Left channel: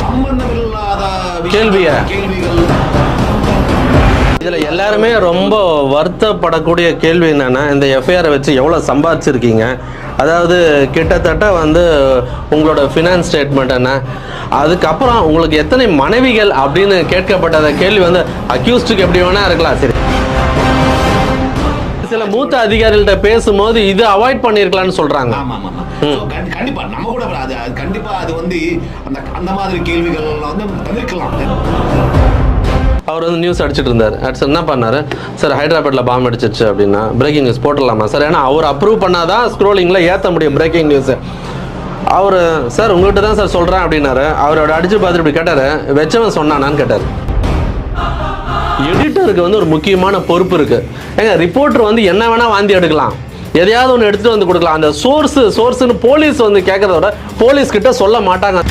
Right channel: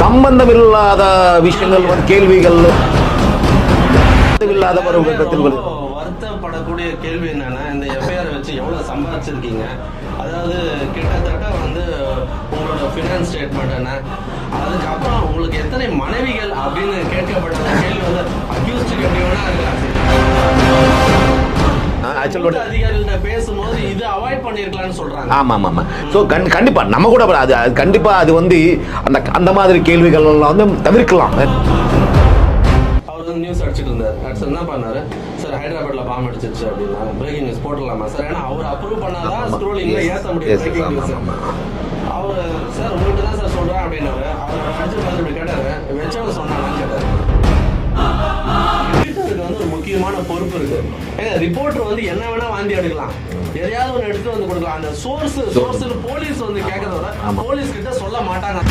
சம்பந்தம் இல்லாத விஷயங்கள் கேள்விகள். எல்லாருமே ரொம்ப வருத்தப்படக்கூடிய கேள்வி என்னன்னா, இந்த எஃப்ஐஆரை வச்சு எவ்வளவு சம்பாதிச்சிருக்கீங்க, அதாவது கிட்டத்தட்ட வந்து உங்களோட ஃபினான்ஸ் ஸ்டேட்மெண்ட் என்ன, அதுக்கப்புறம் உங்களுக்கு எத்தனை மனைவிகள் அப்படின்னு கேட்கப்பட்ட கேள்வி வந்து அக்யூஸ்டுக்கு எப்படி வேணா இருக்கலாம். சரி, மூத்த அதிகாரிகள்ட்ட பேசும்போது இது அவாய்ட் பண்ணிருக்கலாம்னு சொல்றாங்க. ஆமா ஆமா ஆமா. சோ கண்டிப்பா நம்ம கூட அது கண்டிப்பா அது வந்து அந்த மாதிரி கேள்விகள் எல்லாம் வந்து தவிர்க்கலாம். அவர் வந்து நியூஸ் அடிச்சுட்டு இருந்தார். சார் என்ன பண்ணாரு, சார் ஹைதராபாத்ல பாம்பு அடிச்சிருச்சு அப்படின்னா பிரேக்கிங் நியூஸ் போட்டுடலாமா சார், ஏன்னா அவர் அப்ரூவ் பண்ணாதான் ஸ்க்ரோலிங்ல ஏற்ற முடியும் பிரேக்கிங் நியூஸ். அவர் சார் உங்ககிட்ட தான் சார் சொல்றேன் அப்படின்னாரு. அவரோட அடிச்சு பார்த்துட்டு இப்படி கேட்டாரு, வெச்சவன் சொன்னானான்னு கேட்டாரு. எடிட்டருக்கு வந்து ஒரு முக்கியமான பொறுப்பு இருக்கு. ஏங்க ரிப்போர்ட்டர் வந்து என்ன வேணா வாந்தி எடுக்கலாம், எதையாவது ஒன்று எடுத்துட்டு வந்து கொடுக்கலாம். அந்த சோர்ஸ்னு போலீஸ் வந்து கேட்கறத விட போலீஸ் கிட்ட சொல்ல மாட்டாங்க.